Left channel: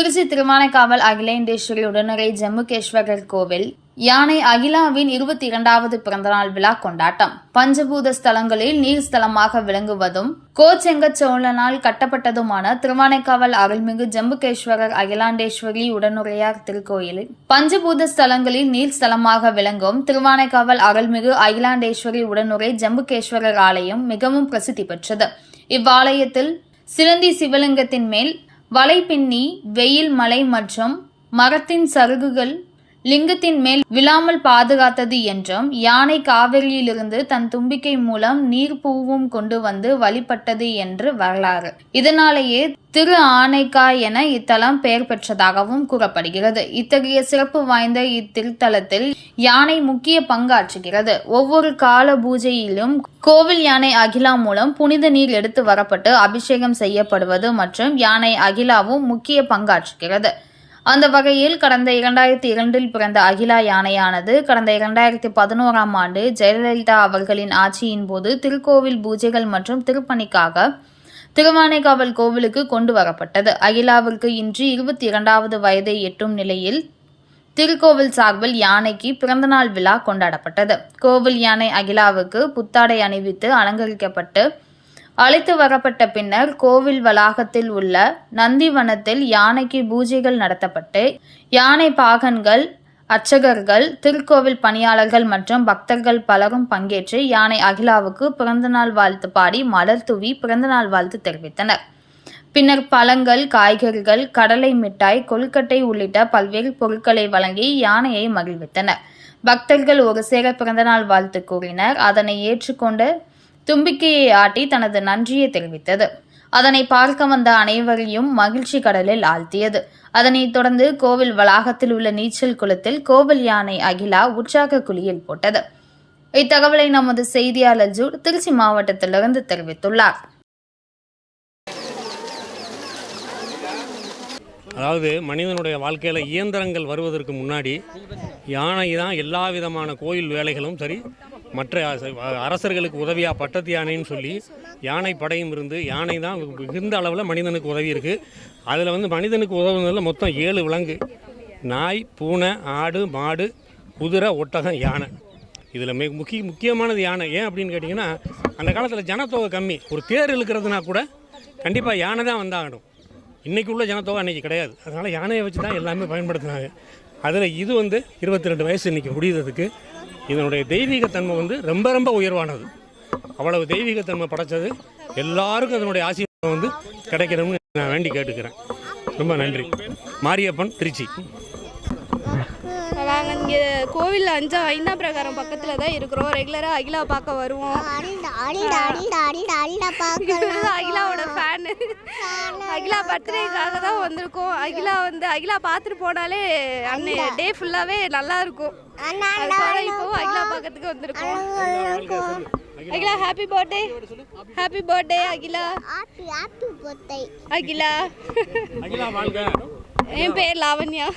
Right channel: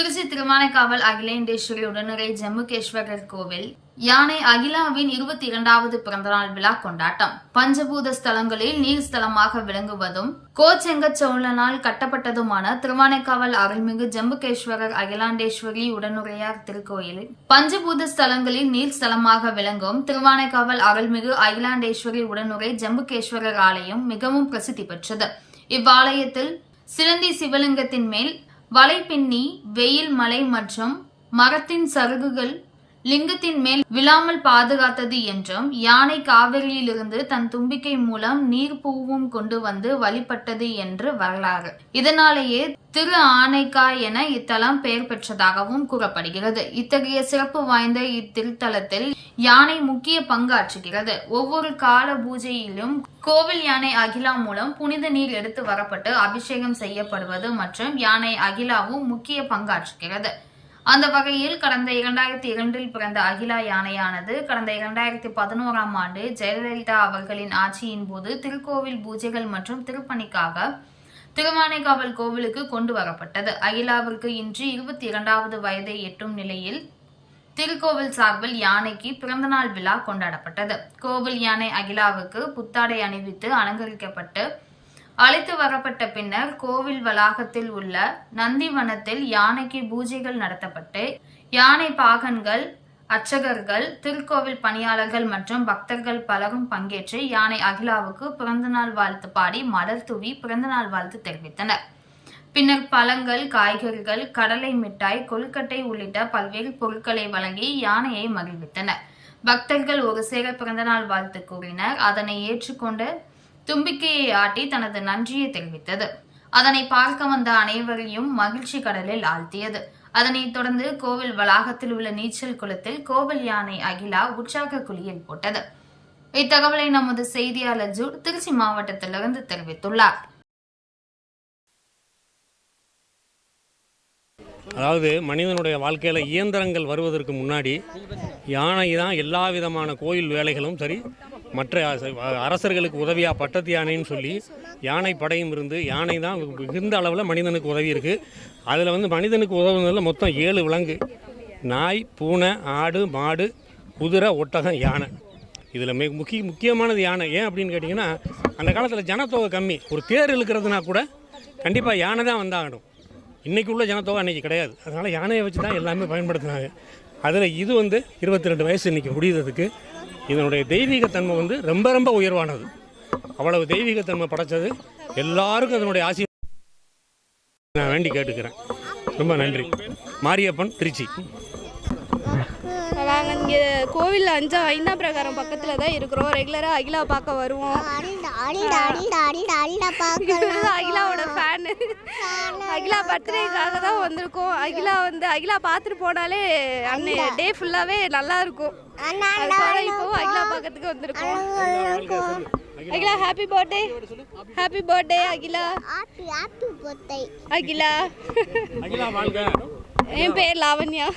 திருச்சி திருவானைக்காவல் உடனரை ஜம்மு ஜம்முகேஸ்வரர் கோவில் யானை அகிலாவின் இருபத்தி இரண்டாவது பிறந்தநாள் விழா கொண்டாட்டம். பஞ்சபூத ஸ்தலங்களில் நீர் ஸ்தலமாக விளங்குவதும் கோச்செங்க சோழனால் கட்டப்பட்டதுமான திருவானைக்காவல் அருள்மிகு ஜம்புகேஸ்வரர் அகிலாண்டேஸ்வரி உடனுரையார் திருக்கோயிலில் பஞ்சபூத ஸ்தலங்களில் நீர் ஸ்தலமாக விளங்கும் திருவானைக்காவல் அருள்மிகு அகிலாண்டேஸ்வரி உடனுரை ஜம்புகேஸ்வரர் ஆலயம் மிகவும் பிரசித்தி பெற்றது. இவ்வாலயத்தில் சிலந்தி சிவலிங்கத்தின் மேல் வலை பின்னி வெயில் மலை மற்றும் மரத்தின் சருகுகள் லிங்கத்தின் மேல் விழாமல் பாதுகாத்தது என்றும் யானை காவிரியிலிருந்து தன் தும்பிக்கை மூலம் நீர் பூவும் கொண்டு வந்து வழிபட்டது என்று வரலாறு. இதனாலேயே திரு ஆனைக்கா என இத்தலம் பெயர் பெற்றதாகவும் கூறப்படுகிறது. இத்தகைய சிறப்பு வாய்ந்த இத்திருத்தலத்தில் யானை முக்கிய பங்காற்றுகிறது. ஒவ்வொரு கால பூஜையிலும் கோவில் யானை அகிலா மூலம் புனித நீர் எடுத்து வரப்பட்டு அபிஷேகம் செய்யப்படுவது மற்றும் யானை அகிலாவும் முக்கிய பங்காற்றுகிறது. அந்த வகையில் கடந்த இரண்டாயிரத்தி இரண்டில் பிறந்த அகிலா யானையானது கடந்த இரண்டாயிரத்தி பதினோராம் ஆண்டு ஜெயலலிதா அவர்களின் ஆட்சியின் போது திருக்கோவில் பூஜைகள் மற்றும் திருப்பணிக்காக திருவானைக்காவல் கோவிலுக்கு கொண்டு வரப்பட்டது. அகிலாவிற்கு இன்று இருபத்தி இரண்டாவது வயதை எட்டும் நிலையில் திருக்கோவில் சார்பில் யானைக்கு பிறந்தநாள் விழா கொண்டாடப்பட்டது. கோவில் யானை அகிலாவுக்கு புத்தாடை அணிவித்து அலங்கரிக்கப்பட்டு அழைத்து வரப்பட்ட பின்னர் கோவில் வளாகத்தில் உள்ள நந்திவனத்தில் யானைக்கு பூஜைகள் நடத்தப்பட்டு யானை பாகன்கள் அர்ச்சகர்கள் திருக்கோவில் பணியாளர்கள் மற்றும் பக்தர்கள் பலரும் பங்கேற்று யானை அகிலாவுக்கு பிறந்தநாள் வாழ்த்து பாடி மலர் தூவி பிறந்தநாள் வாழ்த்து தெரிவித்தனர். பின்னர் பழங்கள் காய்கறிகள் கடலை மிட்டாய் கொழுக்கட்டை உள்ளிட்ட பல்வேறு பொருட்களை வழங்கி யானையை மகிழ்வித்தனர். பக்தர்கள் ஒரு சேர பிறந்தநாள் வாழ்த்து கூறினர். அதனை ஏற்றுக்கொண்டு தும்பிக்கையை ஆட்டி தனது நன்றியை தெரிவித்தது. அதனை பார்க்க வந்த அனைவரையும் மகிழ்ச்சி கடலில் ஆழ்த்தியது. அதனைத் தொடர்ந்து கோவில் வளாகத்தில் உள்ள நீச்சல் குளத்தில் கோவில் யானை அகிலா உற்சாக குழியில் போட்டது. இத்தகவலை நமது செய்தியாளர் ஜூட் திருச்சி மாவட்டத்திலிருந்து தெரிவித்துள்ளார். அதாவது மனிதனுடைய வாழ்க்கையில் இயந்திரங்கள் வருவதற்கு முன்னாடி யானை தான் எல்லா விதமான கோயில் வேலைகளும் சரி மற்ற அரசர்களுக்கு உதவியாக பட்டத்து யானைன்னு சொல்லி யானை படையும் இருந்து யானை தான் மிகுந்த அளவில் மனிதனுக்கு உதவி இருக்குது அதில் வந்து மனிதனுக்கு உதவுனதில் மொத்தம் ஏழு விலங்கு. நாய் பூனை ஆடு மாடு குதிரை ஒட்டகம் யானை. இதில் மிக முக்கிய முக்கியமானது யானை. ஏன் அப்படின்னு கேட்டிங்கன்னா அந்த காலத்தில் ஜனத்தொகை கம்மி. ஒரு தேர் இழுக்கிறதுனா கூட கண்டிப்பாக யானை தான் வந்தாகணும். இன்றைக்கி உள்ள ஜனத்தொகை அன்றைக்கி கிடையாது. அதனால் யானையை வச்சு தான் எல்லாமே பயன்படுத்தினாங்க. அதில் இது வந்து இருபத்தி ரெண்டு வயசு இன்றைக்கி முடியுறதுக்கு இதனுடைய தெய்வீகத்தன்மை வந்து ரொம்ப ரொம்ப உயர்வானது. அவ்வளவு தெய்வீகத்தன்மை படைச்சது. எல்லாருக்கும் அதனுடைய ஆசீர்வாதம் வந்து கிடைக்கணும்னு நான் வேண்டி கேட்டுக்கிறேன். ரொம்ப நன்றி. மாரியப்பன் திருச்சி. நாங்கள் இங்கே கோவிலில் அஞ்சா ஐந்தாம் பிரகாரம் பக்கத்தில் தான் இருக்கிறோம். ரெகுலராக அகிலா பார்க்க வருவோம். அகிலாவோட ஃபேனு அகிலா பர்த்டேக்காக தான் வந்திருக்கோம். அகிலா வந்து அகிலா பார்த்துட்டு போனாலே அன்னை டே ஃபுல்லாகவே நல்லா இருக்கும். அதுக்காக இப்போவும் அகிலா பார்க்கறதுக்கு வந்திருக்கோம். Akila happy birthday happy birthday Akila. Akila. Akila என் பேர் லாவண்யா.